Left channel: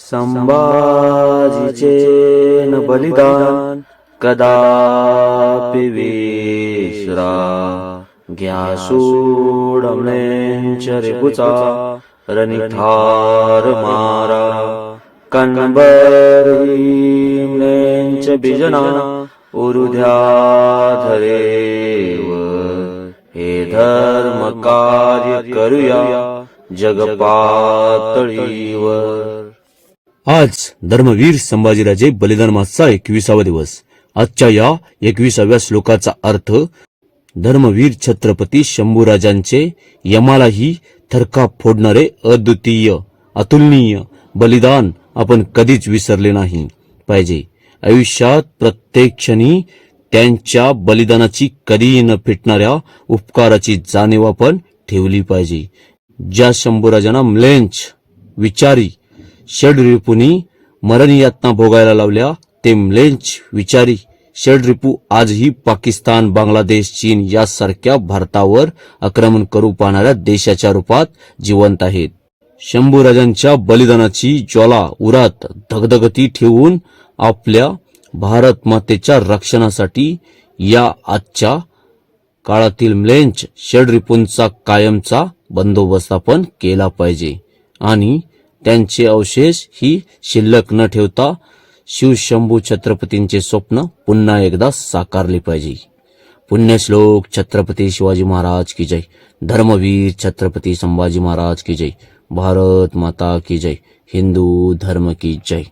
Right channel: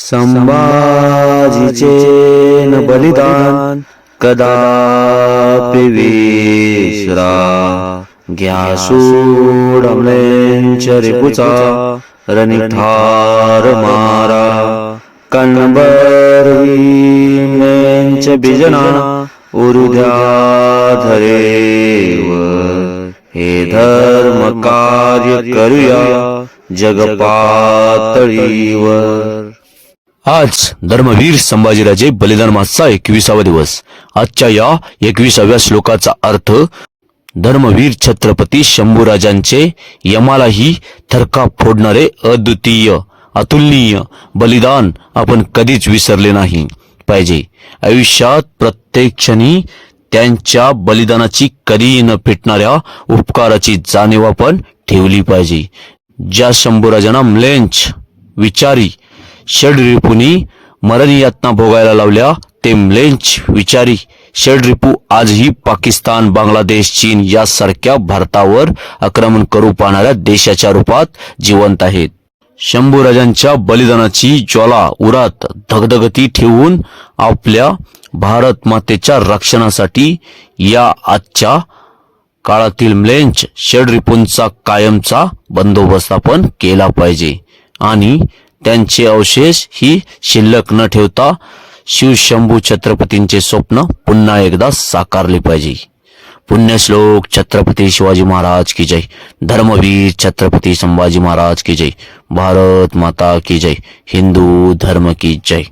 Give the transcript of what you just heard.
संभाजीचे न बलिदान कदापि विसरा, घ्या सूड अमलेंच रिपुचा रणिठार मारा, कणभर भीमेंच बिजना उरुद्या धरेवर, हे धर्म कार्य करूया जगपातळीवर। आज धर्मवीर संभाजीराजे बलिदान मासचा 21वा दिवस। आजच्या या 21व्या श्लोकाचा अर्थ, धर्मवीर छत्रपती शंभूराजांचे यमालाही थरकाप फोडणारे अद्वितीय अतुलनीय बलिदान आपण कधीच विसरले नाही पाहिजे। आयुष्यात प्रत्येक क्षणी त्यांच्या बलिदानाची कधीही न फिटणाऱ्या उपकाराची जाणीव आपण ठेवली पाहिजे। ज्या शंभूराजांना म्लेंछ विचारी षड्रिपुनी मरणयातना भोगायला लावल्या, ते म्लेंछ विचारी षड्रिपू आजही पाकिस्तान, बांगलादेश, चीन यासारख्या भारतावर आक्रमण करू पाहणाऱ्या देशाच्या रूपात जिवंत आहेत। शंभूराजांच्या बलिदानाची ज्वाला उरात धगधगती ठेवून आपल्या भारत मातेच्या रक्षणासाठी या आजच्या काळातील म्लेंछ षड्रिपूंचा कायमचा बंदोबस्त आपण केला पाहिजे आणि त्यांचे अवशेष ही शिल्लक न ठेवता शिवशंभू छत्रपतींचे स्वप्न पुन्हा एकदा साकारले पाहिजे। पुण्यश्लोक छत्रपती शिवाजी महाराज की जय। धर्मवीर छत्रपती संभाजी महाराज की जय। भारत माता की जय। हिंदू धर्म की जय।